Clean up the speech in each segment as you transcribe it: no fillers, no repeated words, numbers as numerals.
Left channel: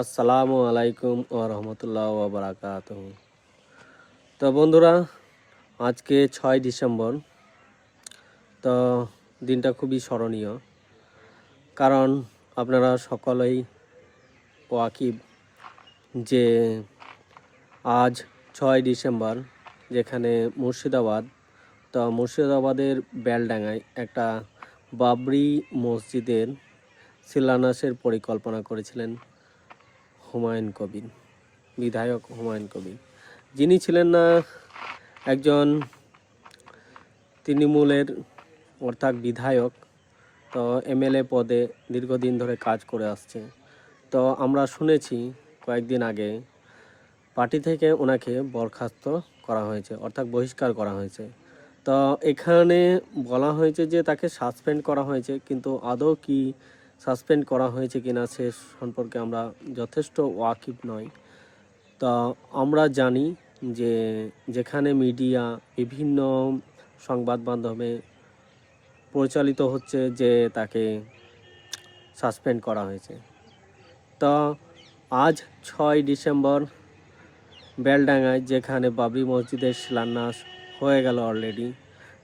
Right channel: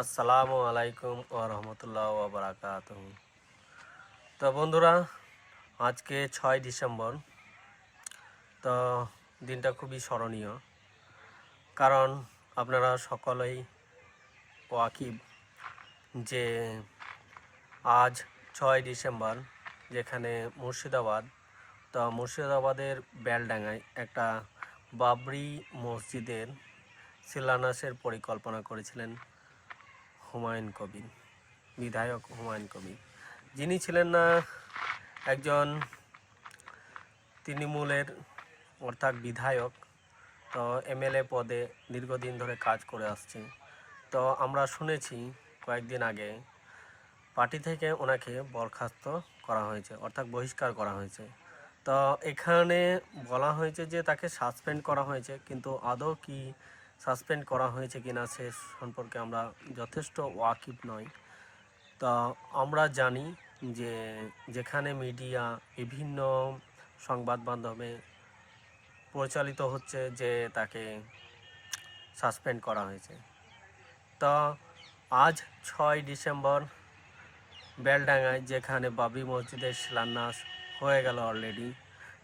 আসসালামু আলাইকুম ও রহমতুল্লাহ ওয়া বারাকাতুহু। তো বন্ধুরা, আজকে 6 ডিসেম্বর। তো দিনটা খুবই স্মরণীয়, কারণ আপনারা সকলেই ওয়াকিব যে আজ 6 ডিসেম্বর যেখানে মুর্শিদাবাদের বেলডাঙ্গায় একটা বাবরি মসজিদের শিলান্যাসের পরিকল্পনা করেছিলেন হুমায়ুন কবির, বিধায়ক হুমায়ুন কবির, যিনি ছিলেন না একজন তৃণমূলের অর্থাৎ বিধায়ক। তো এমএলএ পদে দীর্ঘদিন ধরে কাজ করে আসছে। তো আমরা শুনেছি কয়েকদিন আগে পার্টি থেকে ওনাকে বরখাস্ত করা হয়েছে, অর্থাৎ বহিষ্কার করা হয়েছে। তো এখানে বলা হয়েছে যে তাকে সাসপেন্ড করা হয়েছে, কিন্তু আদৌ কি সাসপেন্ড করা হয়েছে কিনা সে সম্পর্কে আমরা যথেষ্ট ওয়াকিব নই। তা আমরা জানি যে যেখানে মিডিয়া বিভিন্ন সংবাদ মাধ্যমে পরিচালিত হচ্ছে যে তাকে সাসপেন্ড করা হয়েছে। তা আজ 6 ডিসেম্বর বেলডাঙ্গায় যেখানে বাবরি মসজিদের শিলান্যাস হয়ে গেল অলরেডি,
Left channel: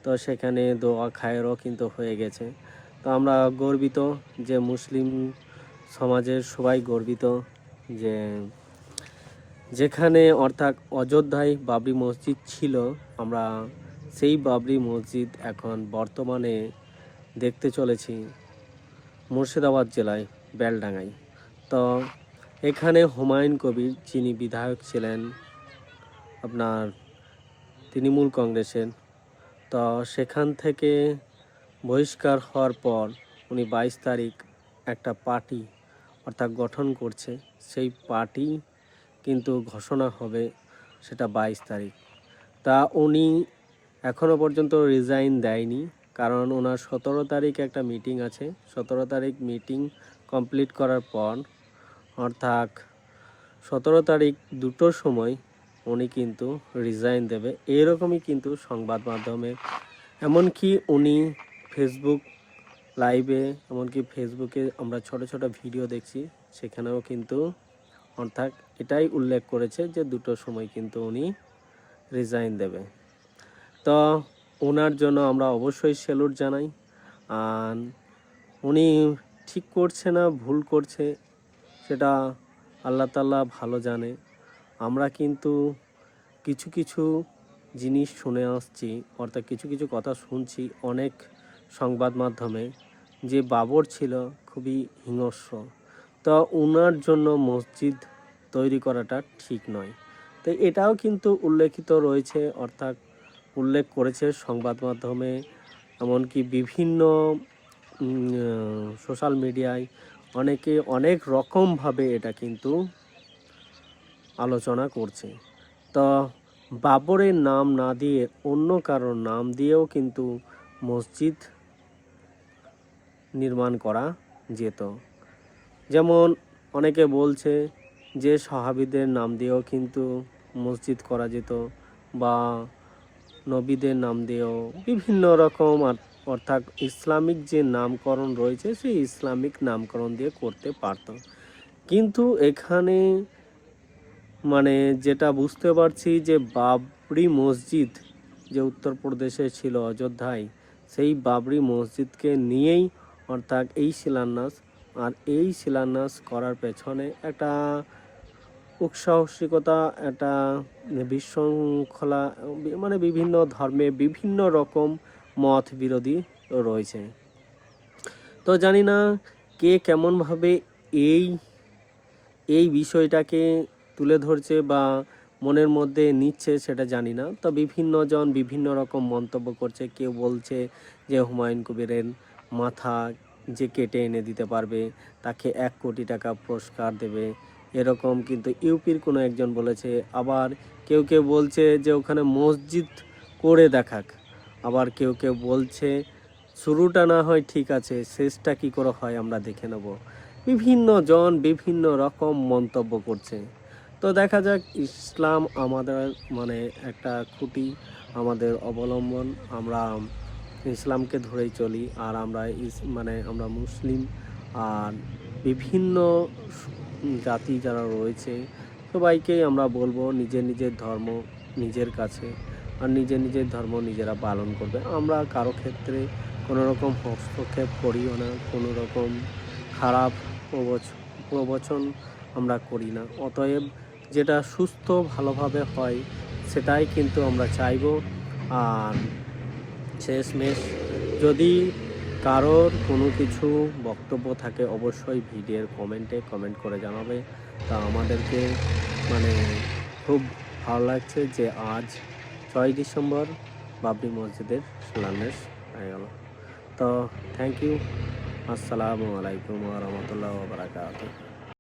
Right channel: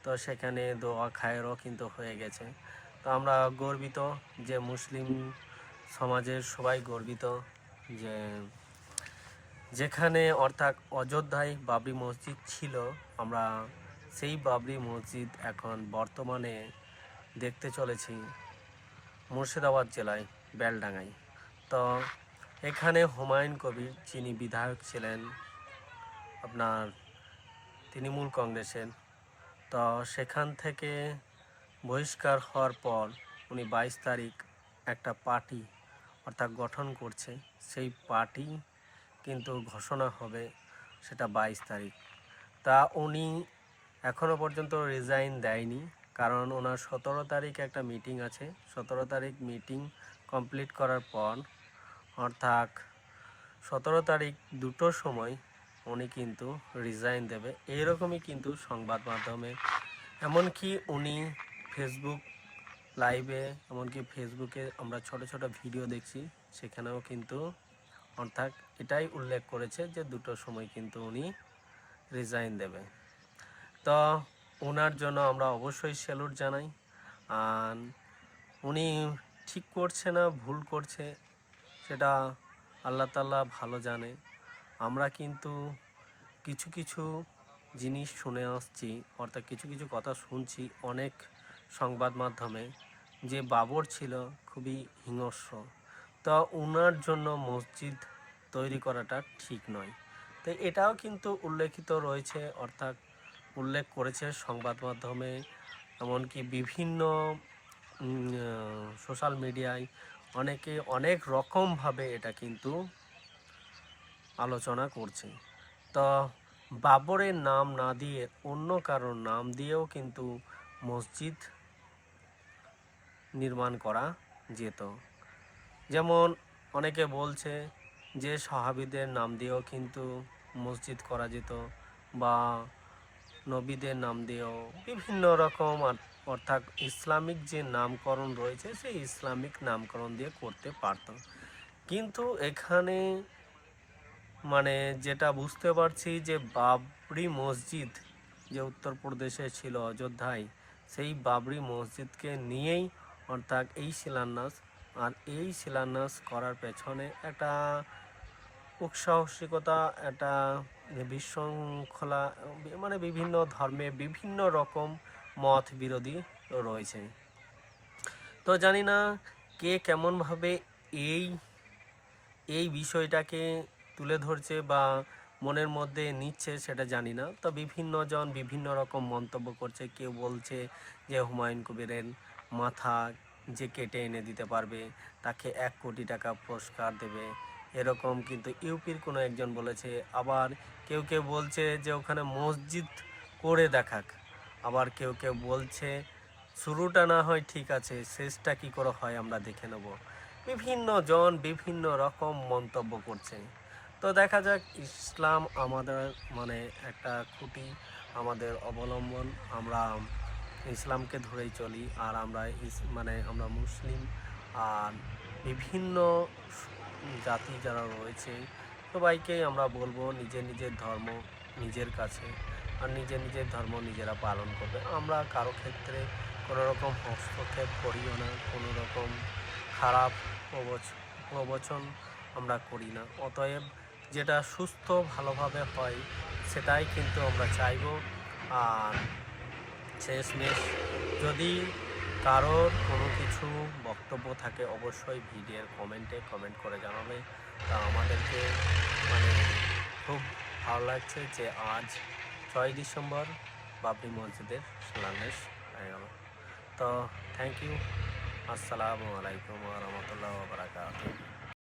তো সেখানে দোয়া খায়েরও কিন্তু হয়ে গেছে। তো আমরা গর্বিত, যে মুসলিম সমাজের সবাই গর্বিত যে যেখানে অর্থাৎ অযোধ্যায় বাবরি মসজিদ ছিল, আমরা সেই বাবরি মসজিদ এখন বর্তমানে দেখতে চলেছি মুর্শিদাবাদ জেলায় বেলডাঙ্গায়। তো এখানে হুমায়ুন কবির, যিনি বিধায়ক ছিলেন আপনার তৃণমূল কংগ্রেসের, তো সেখান থেকে বহিষ্কার হওয়ার পর উনি 22 তারিখ একটা পার্টি অর্থাৎ গঠন করছে। সেই পার্টি কিন্তু ঘোষণা হবে সেটা 22 তারিখ। তা উনি এখনও পর্যন্ত রিজাইন দেয়নি, কারণ ওনার 17 তারিখ একটা মিটিং আছে। 17 তারিখ মিটিং কমপ্লিট করার পর অর্থাৎ 17 তারিখ 2টোর সময় উনি কিন্তু রিজাইন দেবে, এরকমই কিন্তু সংবাদ মাধ্যমে। এমনকি উনি ফেসবুক লাইভে, এমনকি ফেসবুকে আমরা ছোট ছোট ভিডিও দেখছি, সেখানেও কিন্তু অর্থাৎ এটাই উল্লেখ করেছে যে 2টোর সময় কিন্তু উনি রিজাইন দেবে। তো ওনার জন্য আমরা অবশ্যই স্যালুট জানাই। আর উনি ঠিক করছে না ভুল করছে সেটা আল্লাহ তাআলা ভালো জানে। আমরা কিন্তু কিছু কিছু জিনিস শুনে আসছি, অর্থাৎ কিছু কিছু কথা শুনছি অনেক সংবাদ মাধ্যমে, যে বাবর ছিল খুবই হিংস্র। তো ওনার জন্য মসজিদ তৈরি করাটা ঠিক নয়। তো এটাও কিন্তু উল্লেখিত রয়েছে, অর্থাৎ উল্লেখ করেছে সংবাদ মাধ্যমে, এমনকি বিভিন্ন সোশ্যাল মিডিয়ায় অনেকে অনেক রকমভাবে এটা কিন্তু আলোচনা করছে। তো বাবরের নাম না দিয়ে অন্য কারোর নাম দিয়েও কিন্তু মসজিদ নির্মাণ করা যেত। যেমন অনেকে বলছে যে সাহাবীদের নাম দিয়েও কিন্তু মসজিদ করা যেত, বা নবীদের নাম দিয়েও বিভিন্ন রকম, অর্থাৎ ইসলামিক যে নামকরণ রয়েছে সেই ইসলামিক নামকরণ দিয়ে করতে পারত। কিন্তু এখানে মানে যেটা বুঝতে পারছি যে বাবরি মসজিদ যে উত্তরপ্রদেশে ছিল অযোধ্যায়, সেই বাবরি মসজিদকে নিয়েই অর্থাৎ এই শিলান্যাস। আর এই শিলান্যাস করার পেছনে একটা উৎসাহসিকতা, একটা বিশৃঙ্খলা, মানে বিভিন্ন ধর্মে বিভিন্ন রকম মত বিরোধী রয়েছে। তো জানি না কে কেমনভাবে এই এই বিষয়টাকে তুলে ধরছে বা মনের মধ্যে নিচ্ছে সেটা জানি না। তো বিভিন্ন জন বিভিন্ন রকম মন্তব্য করছে। কেউ বলছে যে হুমায়ুন কবিরের মাথা যে কেটে এনে দিতে পারবে তাকে 1 কোটি টাকা পুরস্কার দেবে, এরকম কিন্তু ইউপির কোনো একজন বলেছে। আবার কেউ কেউ বলছে যে ওখানে মসজিদ করে দেখাক। আবার কেউ কেউ বলছে শুরুটা না হয় ঠিক আছে, শেষটা কী করে হয় আমরা দেখে নেব। বিভিন্ন জন বিভিন্ন রকম মন্তব্য করছে। তো দেখা যাক, ইসলাম আমাদের মানে একটা খুঁটি, আমাদের অবলম্বন। আমরা ইসলামকে ধরেই চলি, আর আমরা আমরা মুসলিম। আর বিভিন্ন জাতি যারা রয়েছে সবাইকেই আমরা বলবো নিজের নিজের ধর্ম নিজের কাছে, আর নিজের নিজের ধর্ম নিজেরা পালন করবে। আমরা কারো ক্ষেত্রে কোনো রকম হস্তক্ষেপ করিও না, কোনো রকম খারাপ প্রবচন আমরা করি না। অতএব যেটা সুস্থ ভালোভাবে হয় সেটাই কিন্তু আমরা চাইব। আর শেষমেশ যদি কারোর কোনো কিছু বক্তব্য থাকে অবশ্যই ভিডিওর কমেন্ট করে জানাবে। তা আমাদেরকে মানে খুব ভালো লাগছে যে আজ 6 ডিসেম্বর বাবরি মসজিদের শিলান্যাস হয়ে গেল। তো থ্যাংক ইউ। আসসালামু আলাইকুম ওয়া রাহমাতুল্লাহি ওয়া বারাকাতুহু।